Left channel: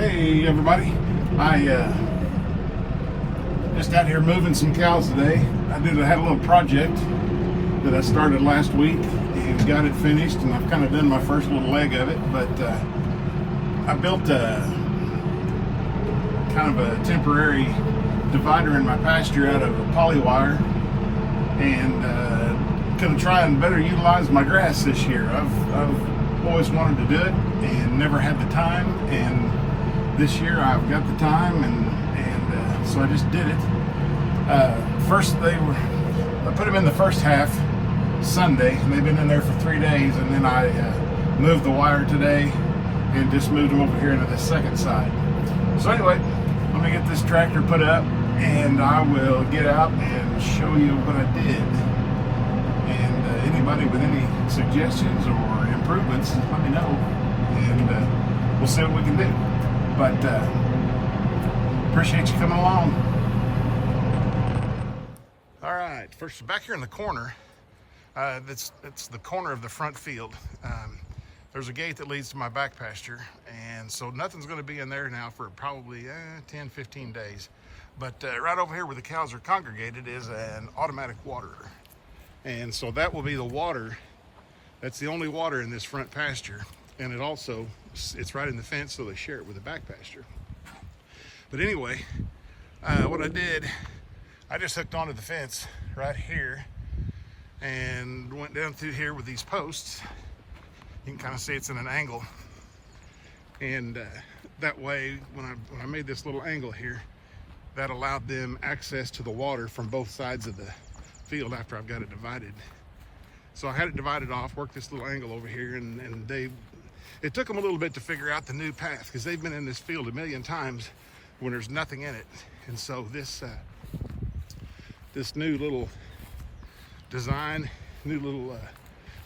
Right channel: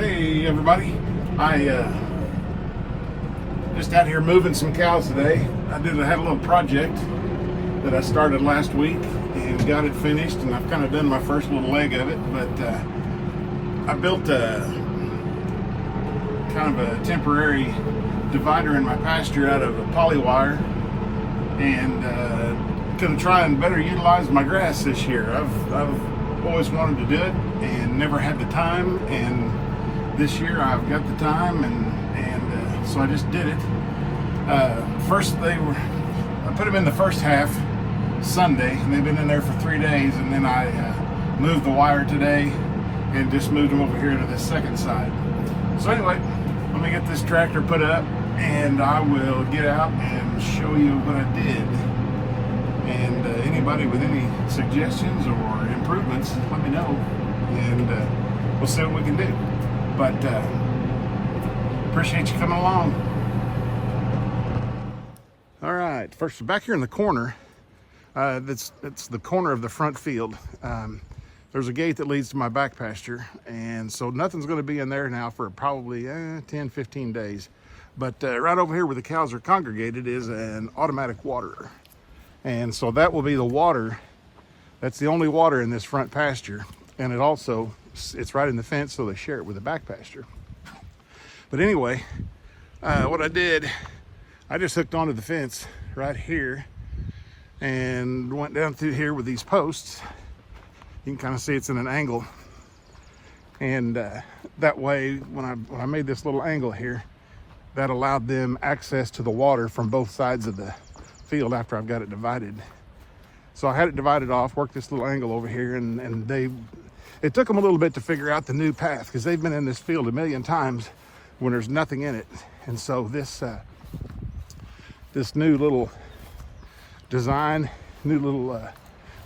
Hey everybody, I just out here moving some cows today. I had a little project that I started last week and got it finished, and I've kind of done my first little leg of it, but I built a kind of a temporary divider in my pasture out of a poly wire, and going to try and better utilize my grass this year. I've always wanted to do it and never had the time, and this year I've got the time, and so I just did it. First I put them in the first half Sunday, and they've been in there for 3 days, and then I moved the wire today and just moved them over here to the second side. So anyway, let me get this tractor put up and I will get out and show you what I did. And anybody with any suggestions or improvements, let me know, and we'll see what we can do. But appreciate you coming along. All right, first back here in the corner, that's the corner of the front field. There's a gate that leads to my back pasture, and so nothing's going to be in there now for probably 10-15 days. But right over here where the cows are congregated is an automatic waterer, and so that will be the water. That's the only water in this front pasture, and it's right in the fence, so they share it with the back pasture. But anyway, what I did, I just hooked onto the fence right here and went down through here with these posts. You can kind of see it's in an angle, and that way when I made this little angle here, that allowed them access to the water from both sides of the field after I've got it divided. So I had it divided off, worked this little angle over here, and it took them a little bit to figure out the new path, because they've been in this field a million times when there's nothing in it. And so this new little design, new little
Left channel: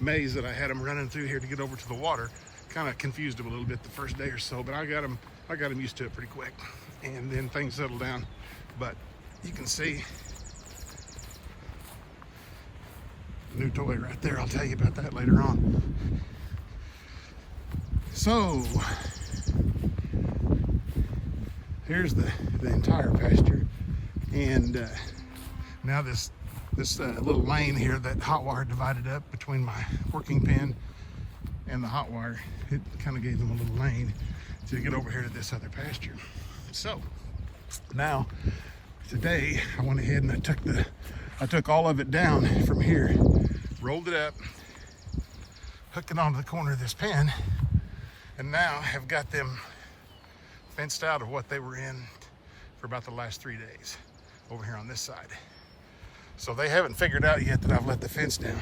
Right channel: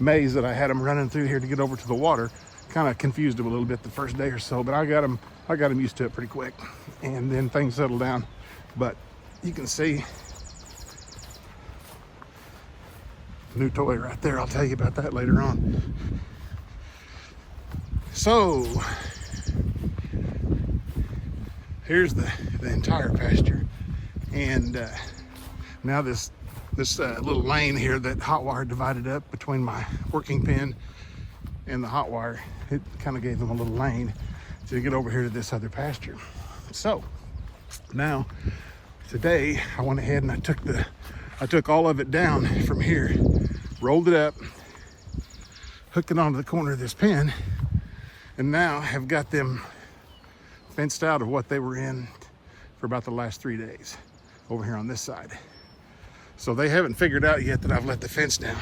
maze that I had them running through here to get over to the water kind of confused them a little bit the first day or so, but I got them used to it pretty quick, and then things settled down. But you can see new toy right there. I'll tell you about that later on. So here's the entire pasture, and now this little lane here that hot wire divided up between my working pen and the hot wire, it kind of gave them a little lane to get over here to this other pasture. So now today I went ahead and I took all of it down from here, rolled it up, hooked it onto the corner of this pen, and now have got them fenced out of what they were in for about the last 3 days over here on this side. So they haven't figured out yet that I've let the fence down,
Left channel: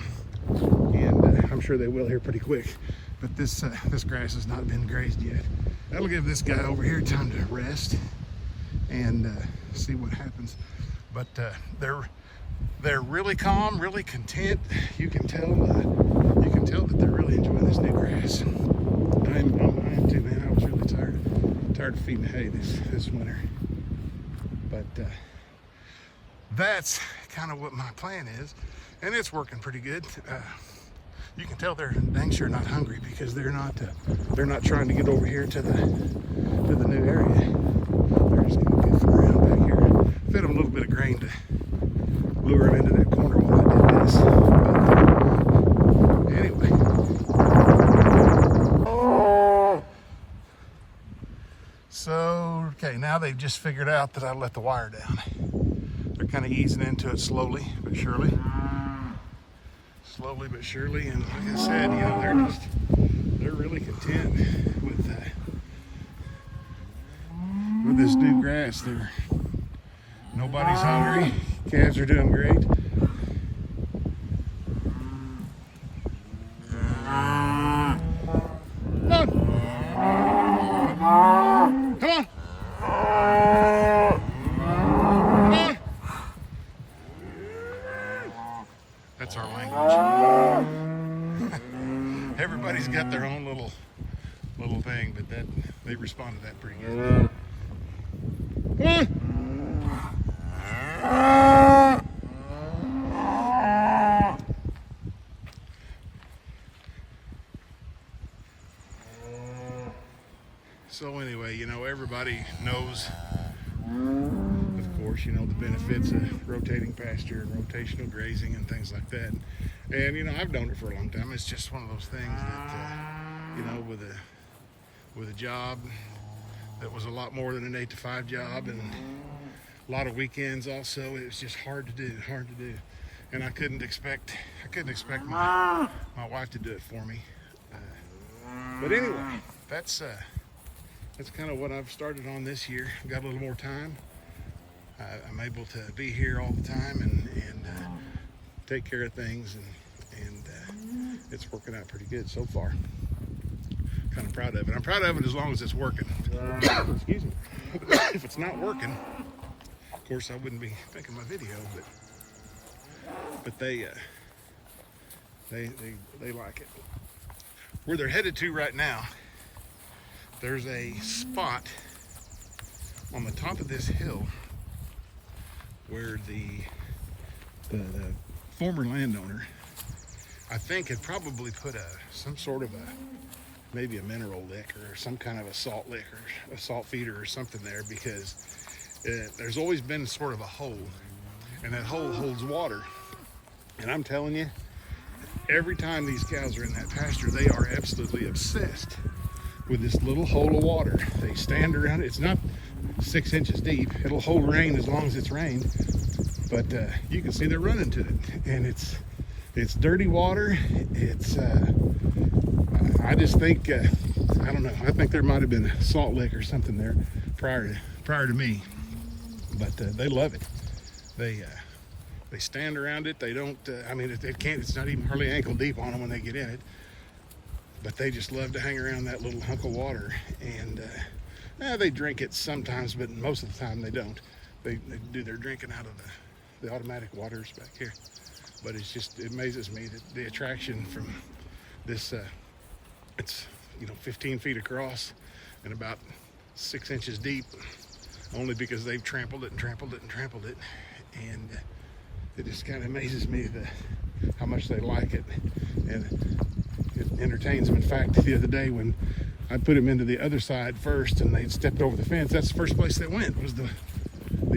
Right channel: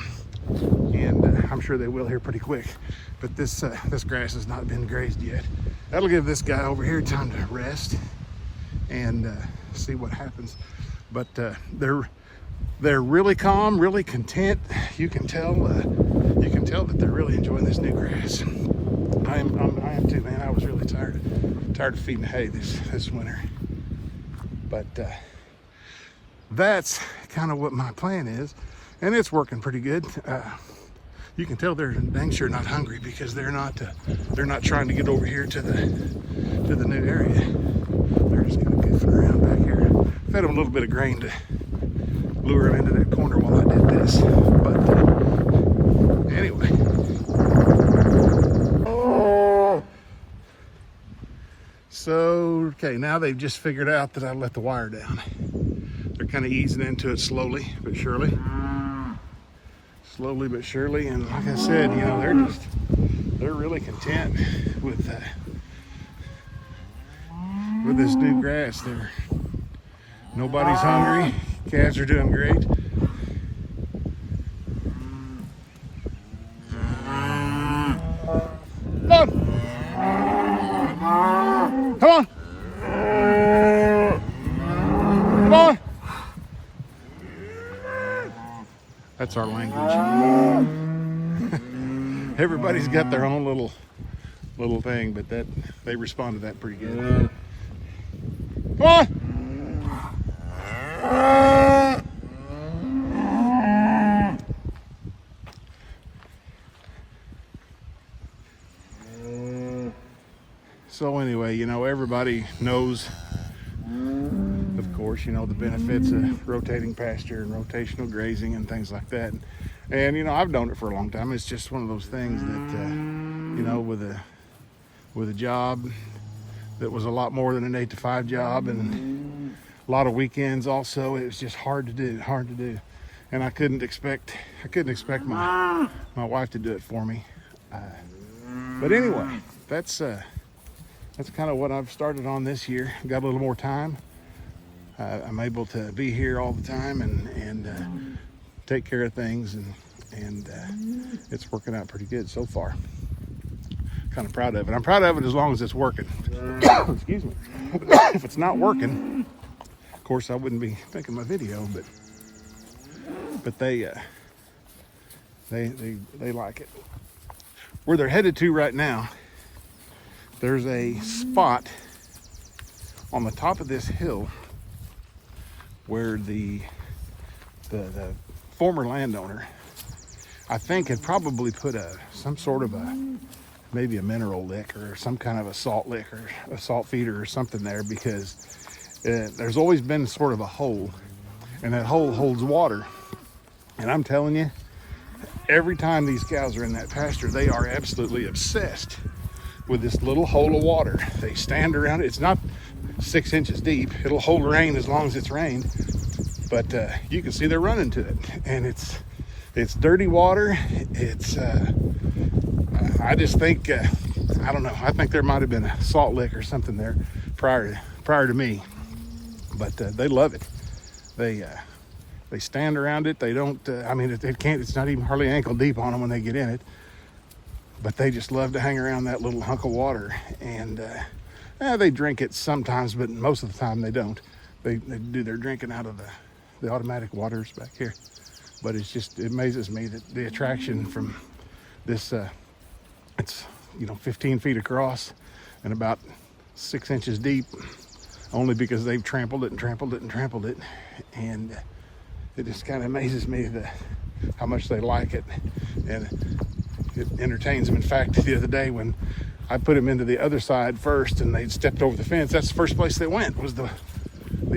and I'm sure they will here pretty quick. But this grass has not been grazed yet. That'll give this guy over here time to rest and see what happens. But they're really calm, really content. You can tell that they're really enjoying this new grass. I am too, man. I was really tired of feeding hay this winter. But that's kind of what my plan is, and it's working pretty good. You can tell they're dang sure not hungry, because they're not trying to get over here to the new area. They're just kind of goofing around back here. Fed them a little bit of grain to lure them into that corner while I did this. But anyway. So, okay, now they've just figured out that I let the wire down. They're kind of easing into it slowly but surely. Slowly but surely, and like I said, you know, they're really content with this new grass. Nobody's hungry. Calves are doing great. Come on. Come on. That's our language. Everybody's got their own little thing, but they respond to that pretty good. Come on. So anyway, you know, everybody knows, of course, you know, the benefits of rotating pasture, rotational grazing and things like that. And, you know, I've known it for a long time. It's just one of those things that, you know, with a job that was a lot more than an 8-to-5 job and a lot of weekends also, it was just hard to do. And I couldn't expect my wife to do it for me. But anyway, that's kind of what I've started on this year. Got a little more time. I'm able to be here all the time and take care of things, and it's working out pretty good so far. Kind of proud of it. I'm proud of it as long as it's working. Excuse me. If it's not working, of course I wouldn't be making my video, but they like it. Where they're headed to right now, there's a spot on the top of this hill where the former landowner, I think, had probably put some sort of maybe a mineral lick or some kind of a salt lick or a salt feeder or something there, because there's always been sort of a hole, and that hole holds water. And I'm telling you, every time these cows are in that pasture, they are absolutely obsessed with this little hole of water. They stand around it. It's not 6 inches deep. It'll hold rain as long as it's rained, but you can see they're running to it, and it's dirty water. It's I just think I don't know. I think there might have been a salt lick or something there prior to me, but they love it. They stand around it. They don't. I mean, it can't. It's not even hardly ankle deep on them when they get in it. But they just love to hang around that little hunk of water, and they drink it sometimes, but most of the time they don't. They do their drinking out of the automatic waters back here. But it amazes me that the attraction from this. It's 15 feet across and about 6 inches deep, only because they've trampled it and trampled it and trampled it, and it just kind of amazes me how much they like it, and it entertains them. In fact, the other day when I put them into the other side first and they stepped over the fence, that's the first place they went, was the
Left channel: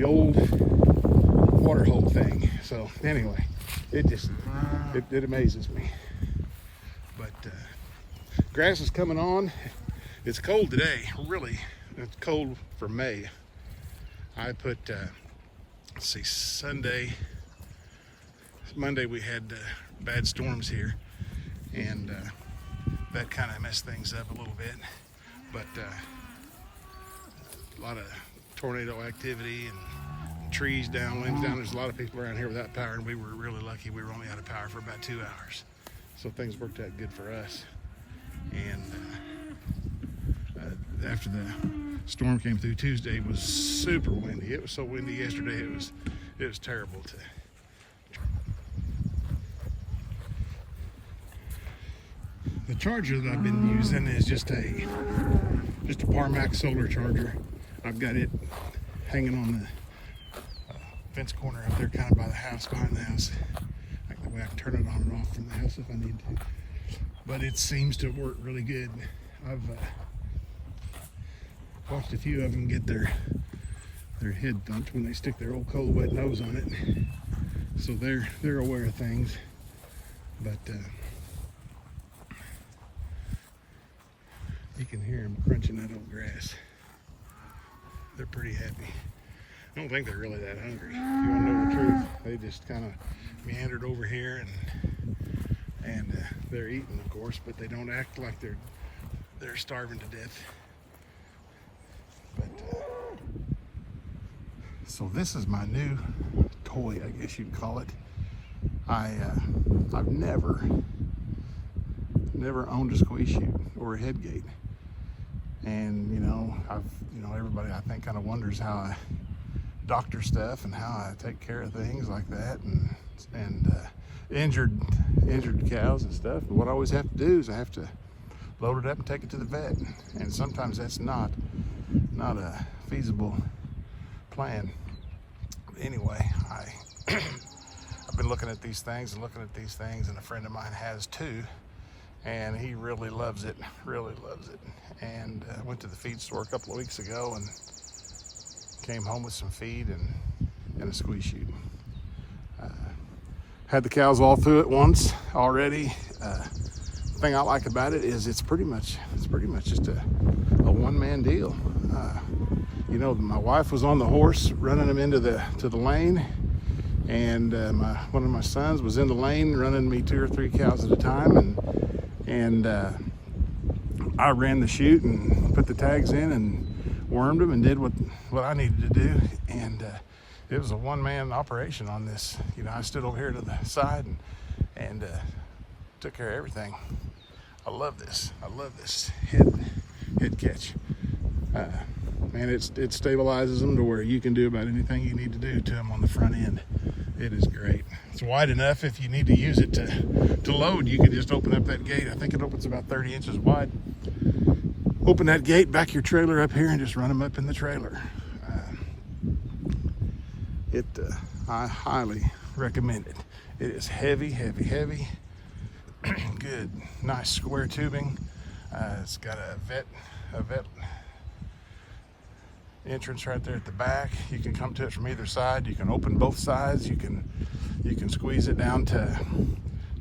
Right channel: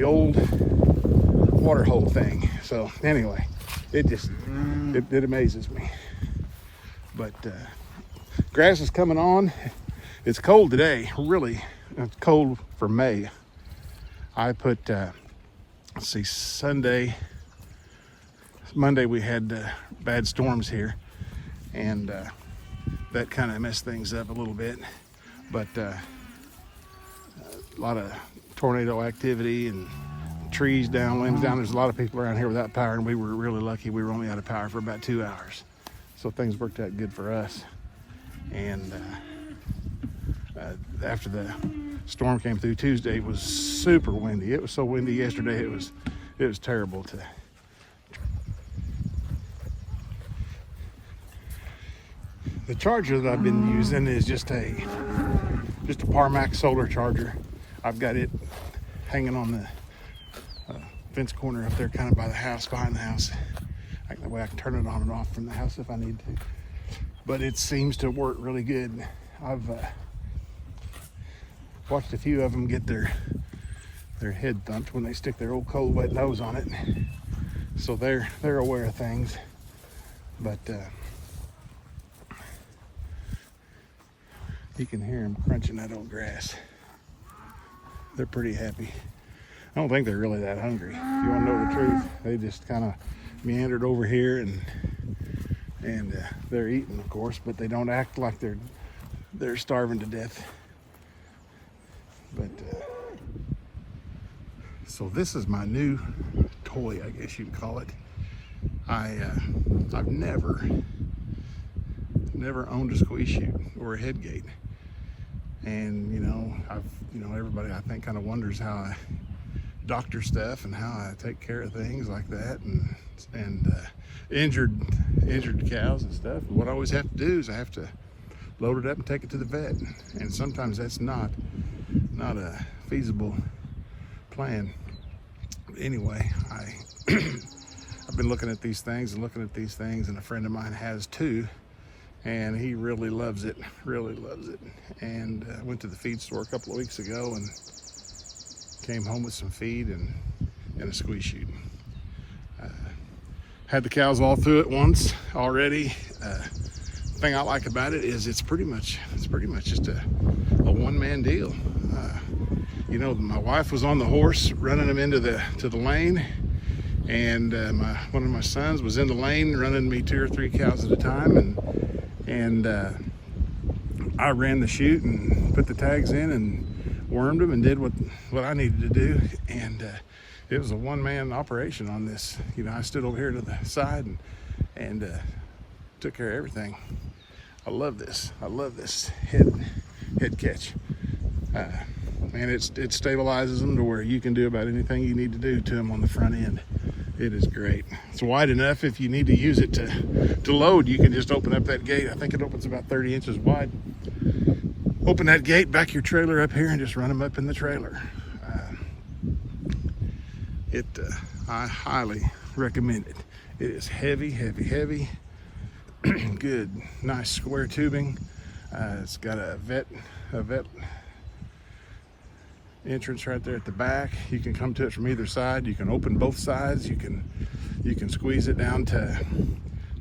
old water hole thing. So anyway, it amazes me. But grass is coming on. It's cold today, really. It's cold for May. I put, let's see, Monday we had bad storms here, and that kind of messed things up a little bit. But a lot of tornado activity and trees down, limbs down. There's a lot of people around here without power, and we were really lucky. We were only out of power for about 2 hours. So things worked out good for us. And after the storm came through Tuesday, it was super windy. It was so windy yesterday, it was terrible to. The charger that I've been using is just a Parmax solar charger. I've got it hanging on the fence corner up there, kind of by the house, behind the house. That way I can turn it on and off from the house if I need to. But it seems to work really good. I've watched a few of them get their head thumped when they stick their old cold wet nose on it. So they're aware of things. But you can hear them crunching that old grass. They're pretty happy. I don't think they're really that hungry. If you want to know the truth, they just kind of meandered over here and they're eating, of course, but they don't act like they're starving to death. But so this is my new toy, I guess you'd call it. I've never owned a squeeze chute or a head gate, and everybody I think kind of wonders how I doctor stuff and how I take care of things like that, and injured cows and stuff. And what I always have to do is I have to load it up and take it to the vet, and sometimes that's not a feasible plan. But anyway, I've been looking at these things, and a friend of mine has too, and he really loves it, really loves it. And went to the feed store a couple of weeks ago and came home with some feed and a squeeze chute. Had the cows all through it once already. Thing I like about it is it's pretty much just a one-man deal. You know, my wife was on the horse running them into the lane, and one of my sons was in the lane running me 2 or 3 cows at a time, and I ran the chute and put the tags in and wormed them and did what I needed to do. And it was a one-man operation on this. You know, I stood over here to the side and took care of everything. I love this. I love this head catch. Man, it stabilizes them to where you can do about anything you need to do to them on the front end. It is great. It's wide enough if you need to use it to load. You can just open up that gate. I think it opens about 30 inches wide. Open that gate, back your trailer up here, and just run them up in the trailer. I highly recommend it. It is heavy, heavy, heavy. Good, nice square tubing. It's got a vet entrance right there at the back. You can come to it from either side. You can open both sides. You can squeeze it down to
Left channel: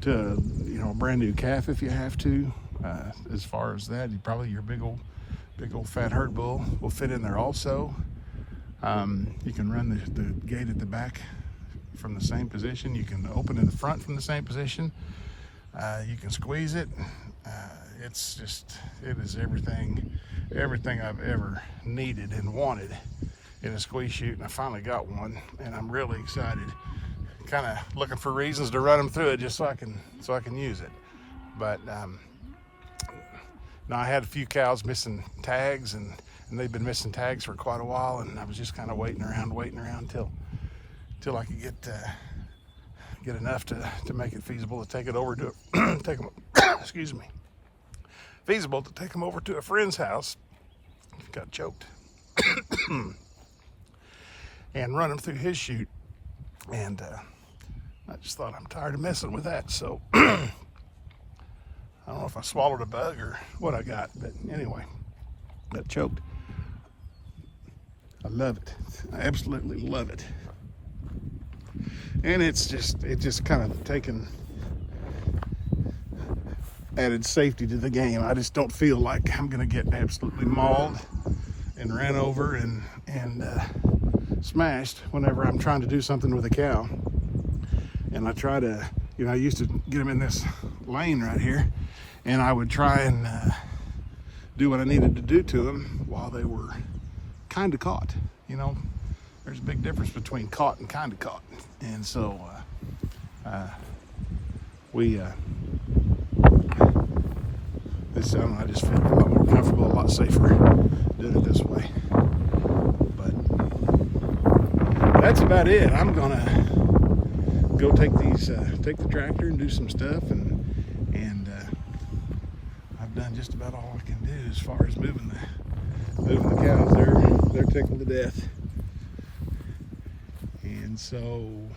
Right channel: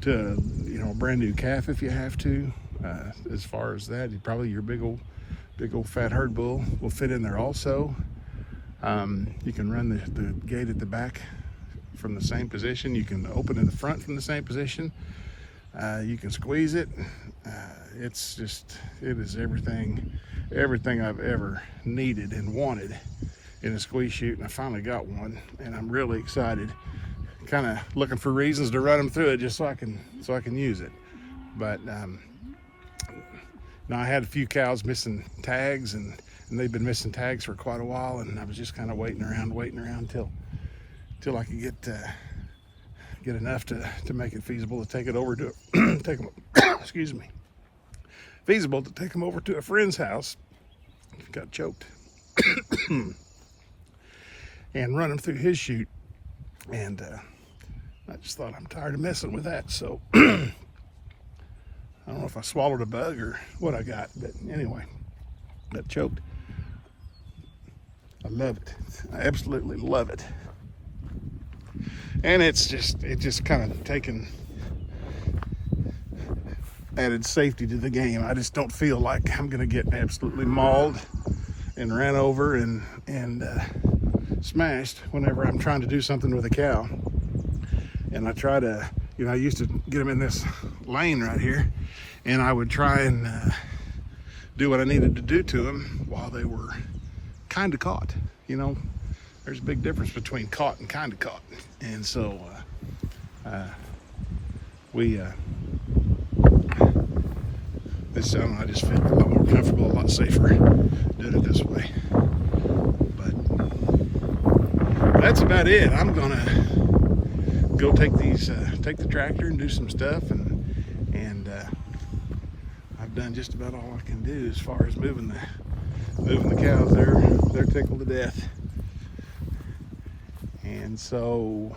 you know, a brand new calf if you have to. As far as that, your big old fat herd bull will fit in there also. You can run the gate at the back from the same position. You can open in the front from the same position. You can squeeze it. It is everything I've ever needed and wanted in a squeeze chute, and I finally got one, and I'm really excited. Kind of looking for reasons to run them through it just so I can use it. But now I had a few cows missing tags, and they've been missing tags for quite a while, and I was just kind of waiting around till I could get enough to make it feasible to take it over to excuse me, feasible to take them over to a friend's house. Got choked. And run them through his chute. And I just thought, I'm tired of messing with that, so I don't know if I swallowed a bug or what I got, but anyway, got choked. I love it. I absolutely love it. And it just kind of taken added safety to the game. I just don't feel like I'm gonna get absolutely mauled and ran over and smashed whenever I'm trying to do something with a cow. And I try to, you know, I used to get them in this lane right here, and I would try and do what I needed to do to them while they were kind of caught. You know, there's a big difference between caught and kind of caught. And so I just feel a lot more comfortable, a lot safer doing it this way. But that's about it. I'm gonna go take the tractor and do some stuff, and I've done just about all I can do as far as moving the cows. They're tickled to death. And so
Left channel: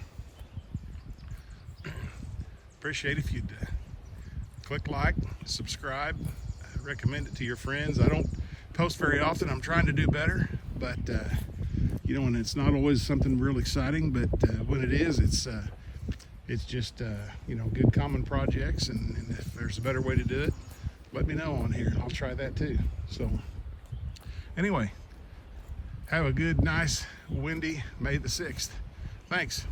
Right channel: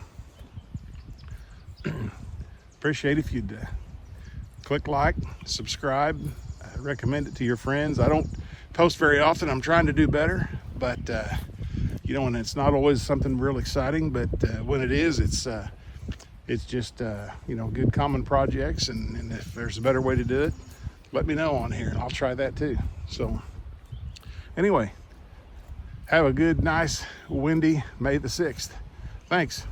appreciate if you'd click like, subscribe, recommend it to your friends. I don't post very often. I'm trying to do better, but you know, and it's not always something real exciting, but when it is, it's just you know, good common projects, and if there's a better way to do it, let me know on here and I'll try that too. So anyway, have a good, nice, windy May the 6th. Thanks.